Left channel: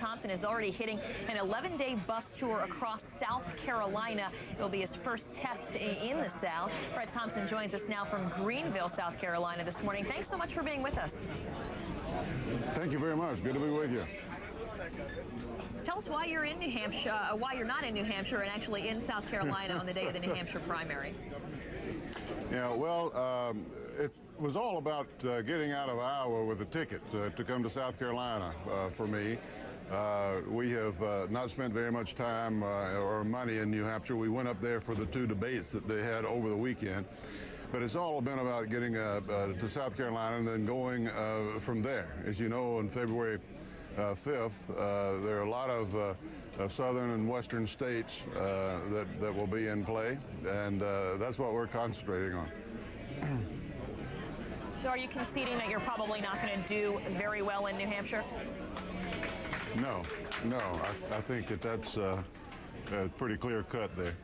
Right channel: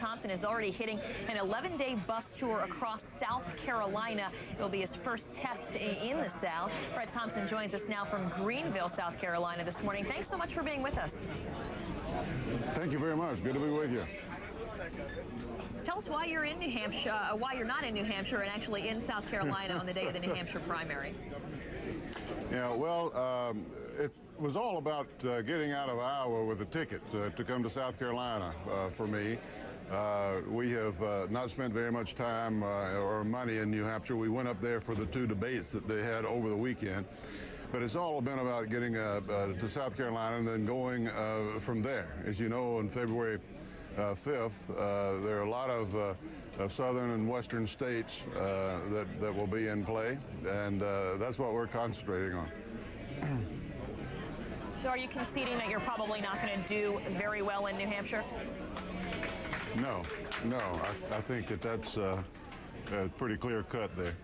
Thompson is already hitting an 11-day bus tour across South Carolina. It'll be his first test in the South. Fred Thompson joins us now from Greenville, South Carolina this morning. Thanks so much for being with us. Thank you very much. Good to be with you. Tell us why you're in New Hampshire, why you're not in New Hampshire and actually in South Carolina on the day of the New Hampshire primary. Yeah, well, it was all about getting out of Iowa with a ticket to come to South Carolina for me. We have not spent very much time or money in New Hampshire. We went up there for the two debates that they had over the weekend. But it's all been about getting to South Carolina and then going from there. As you know, on February 5th, there are a lot of southern and western states that will be in play, and that's what we're concentrating on. So are you conceding that you're probably not going to do very well in New Hampshire? No. I think that's pretty clear cut there.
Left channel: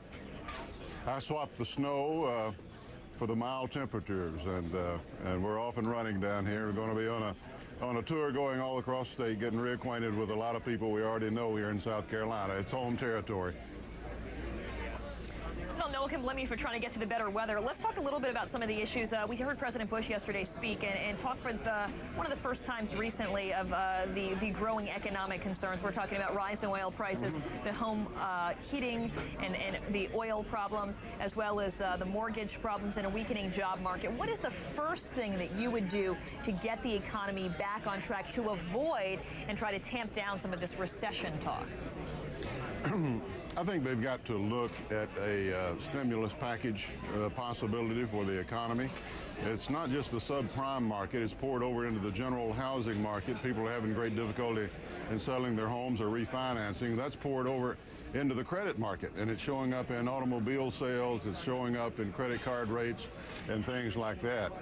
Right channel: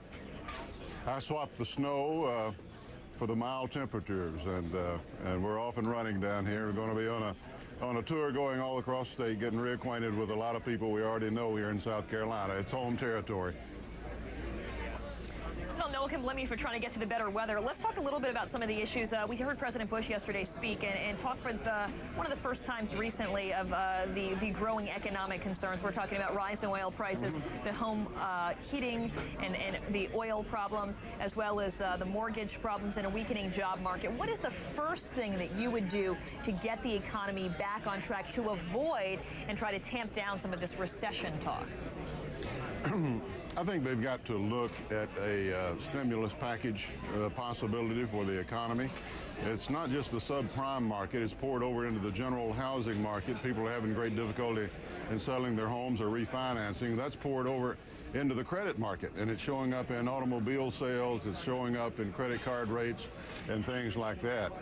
I swapped the snow for the mild temperatures, and we're off and running down here. We're going to be on a tour going all across the state, getting reacquainted with a lot of people we already know here in South Carolina. It's home territory. Noah Kimblemy for trying to get to the better weather. Let's talk a little bit about some of the issues. We heard President Bush yesterday speak and talk for one of the first times recently of the growing economic concerns. We're talking about rise in oil prices, the home heating and the oil problems, as well as the mortgage problems and a weakening job market. What is the first thing that you would do to get the economy back on track to avoid and try to tamp down some of this recession talk? I think they've got to look at a stimulus package possibility for the economy. It's not just the subprime market. It's poured over into the general housing market. People are having great difficulty in selling their homes or refinancing. That's poured over into the credit market, and it's showing up in automobile sales. It's showing up in credit card rates and things like that.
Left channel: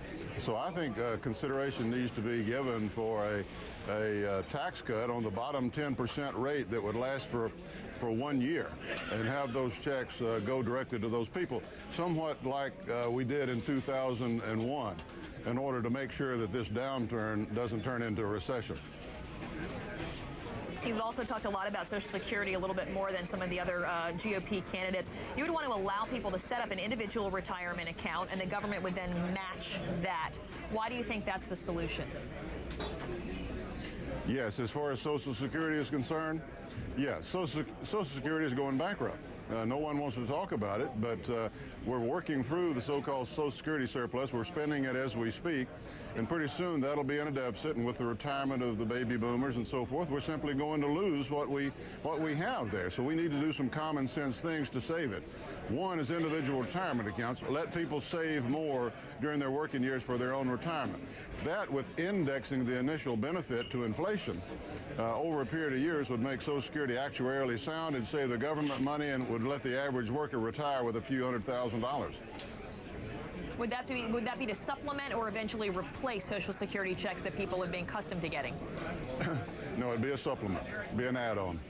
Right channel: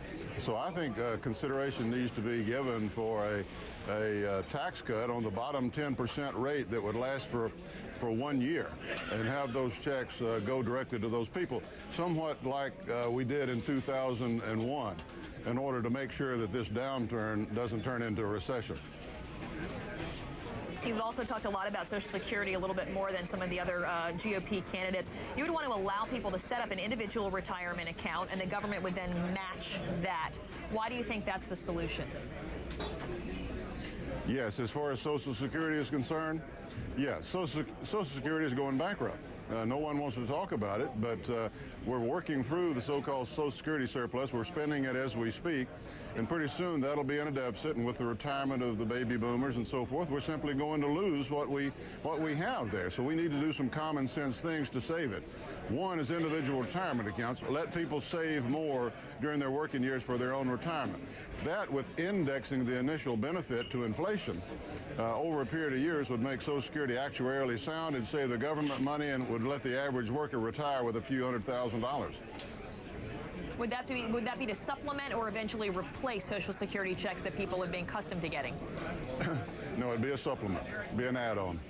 So I think consideration needs to be given for a tax cut on the bottom 10% rate that would last for 1 year and have those checks go directly to those people, somewhat like we did in 2001, in order to make sure that this downturn doesn't turn into a recession. You've also talked a lot about Social Security a little bit more than some of the other GOP candidates. You would want to allow people to set up an individual retirement account, and the government would then match that. Why do you think that's the solution? Yes, as far as Social Security is concerned, yes, Social Security is going bankrupt. No one wants to talk about it, but we're working through the so-called Social Security surplus. We're spending it as we speak, and pretty soon that'll be in a deficit, and with the retirement of the baby boomers and so forth, we're simply going to lose what we have there. So we need to do some common sense things to save it. One is individual retirement accounts. Let people save more during their working years for their own retirement. That, with indexing the initial benefit to inflation over a period of years, would make Social Security actuarially sound and save the government money, and would let the average worker retire with a few $100,000. Would that be to supplement or eventually replace Social Security checks that people have been accustomed to getting? No, it'd be a supplement. It'd be an add-on.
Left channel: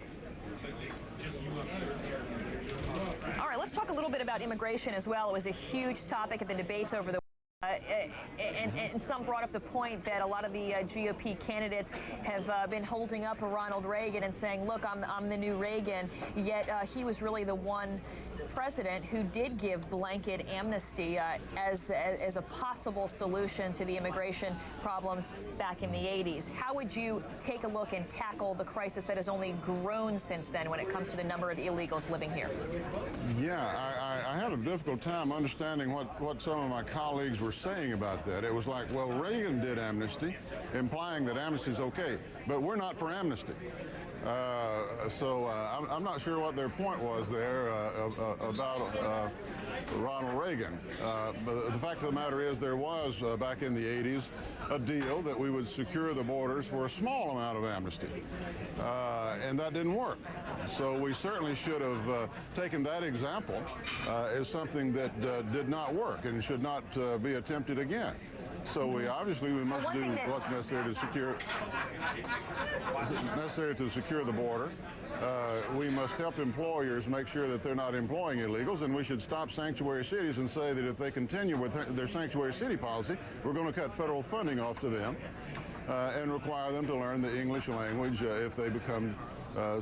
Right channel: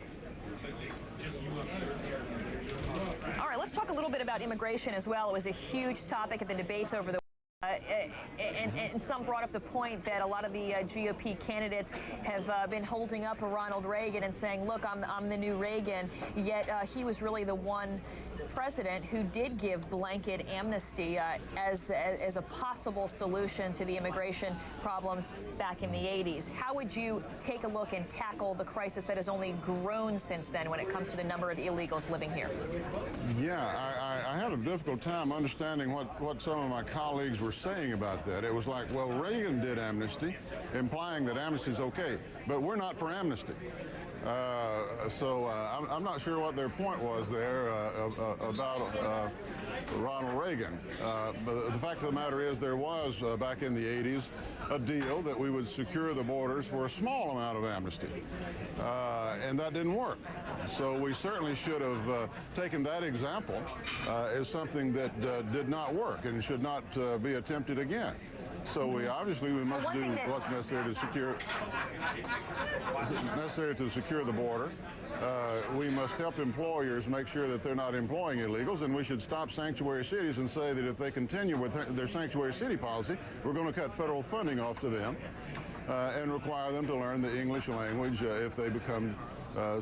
All right, let's talk a little bit about immigration as well. It was a huge topic at the debates over the and some brought up the point that a lot of the GOP candidates have been holding up Ronald Reagan and saying, look, I'm the new Reagan, yet he was really the one president who did give blanket amnesty as a possible solution to the immigration problems back in the 80s. How would you take a look and tackle the crisis that has only grown since then when it comes to the number of illegals living here? Yeah, I had a difficult time understanding what some of my colleagues were saying about that. It was like, well, Reagan did amnesty, implying that amnesty is okay, but we're not for amnesty. So I'm not sure what their point was there about Ronald Reagan. But the fact of the matter is there was, back in the 80s, a deal that we would secure the borders for a small amount of amnesty. And that didn't work. So we certainly should have taken that example as something that did not work and should not be attempted again. So we must do what's necessary to secure the border. We must help employers make sure that they're not employing illegals, and we should stop sanctuary cities and say that if they continue with their sanctuary city policy, we're going to cut federal funding off to them. and require them to learn the English language if they become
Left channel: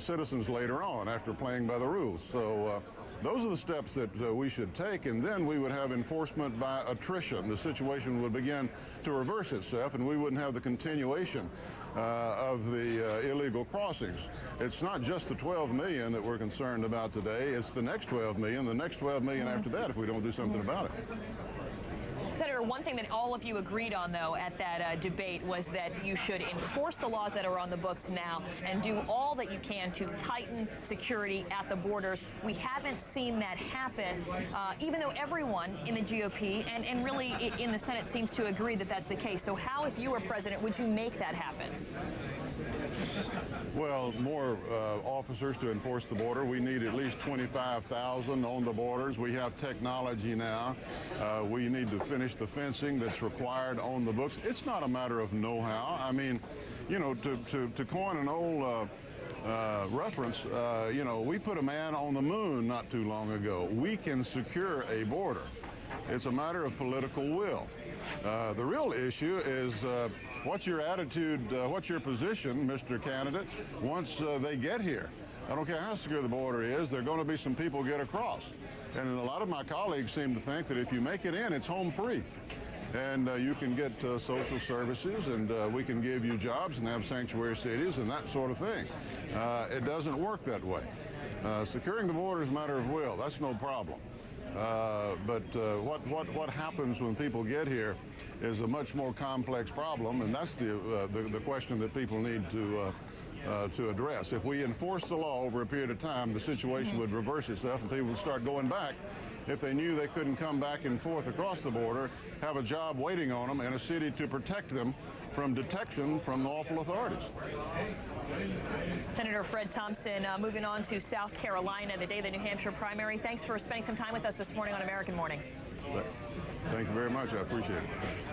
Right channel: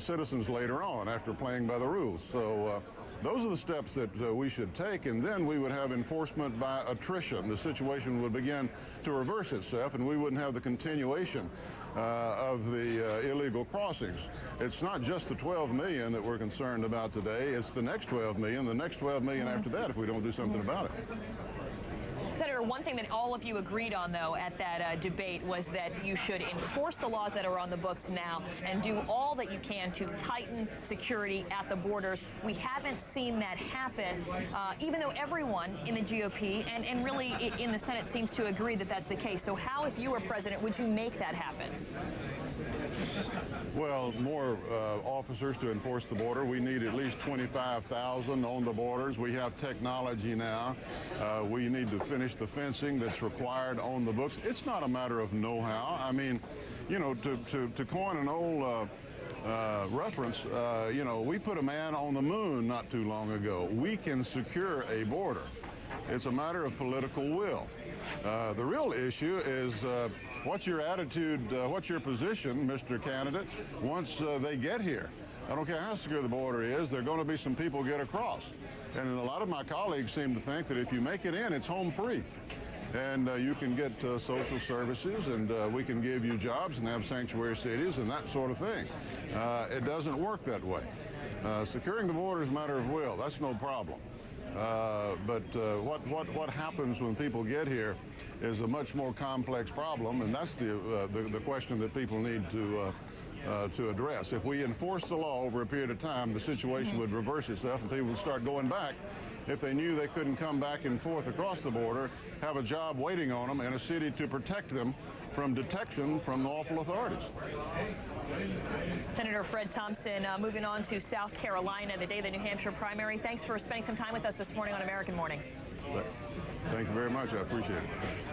citizens later on after playing by the rules. So those are the steps that we should take, and then we would have enforcement by attrition. The situation would begin to reverse itself, and we wouldn't have the continuation of the illegal crossings. It's not just the 12 million that we're concerned about today. It's the next 12 million, the next 12 million after that if we don't do something about it. Senator, one thing that all of you agreed on, though, at that debate was that you should enforce the laws that are on the books now and do all that you can to tighten security at the borders. We haven't seen that happen, even though everyone in the GOP and really in the Senate seems to agree that that's the case. So how, if you were president, would you make that happen? Well, more officers to enforce the border. We need at least 25,000 on the borders. We have technology now. We need to finish the fencing that's required on the books. It's not a matter of know-how. I mean, you know, to coin an old reference, you know, we put a man on the moon not too long ago. We can secure a border. It's a matter of political will. The real issue is what's your attitude, what's your position, Mr. Candidate, once they get here. I don't care how secure the border is, there are going to be some people get across. And a lot of my colleagues seem to think that if you make it in, it's home free. And you can get social services, and we can give you jobs and have sanctuary cities and that sort of thing. It doesn't work that way. Securing the border is a matter of will. That's no problem. But what happens when people get here is a much more complex problem, and that's the question that people need to address. If we enforce the law over a period of time, the situation would reverse itself, and people would start going back if they knew they couldn't come back and forth across the border, have a job waiting on them, and a city to protect them from detection from lawful authorities. Senator Fred Thompson, moving on to South Carolina, the day of the New Hampshire primary. Thanks for spending some time with us this morning on American Morning. Thank you very much. I appreciate it.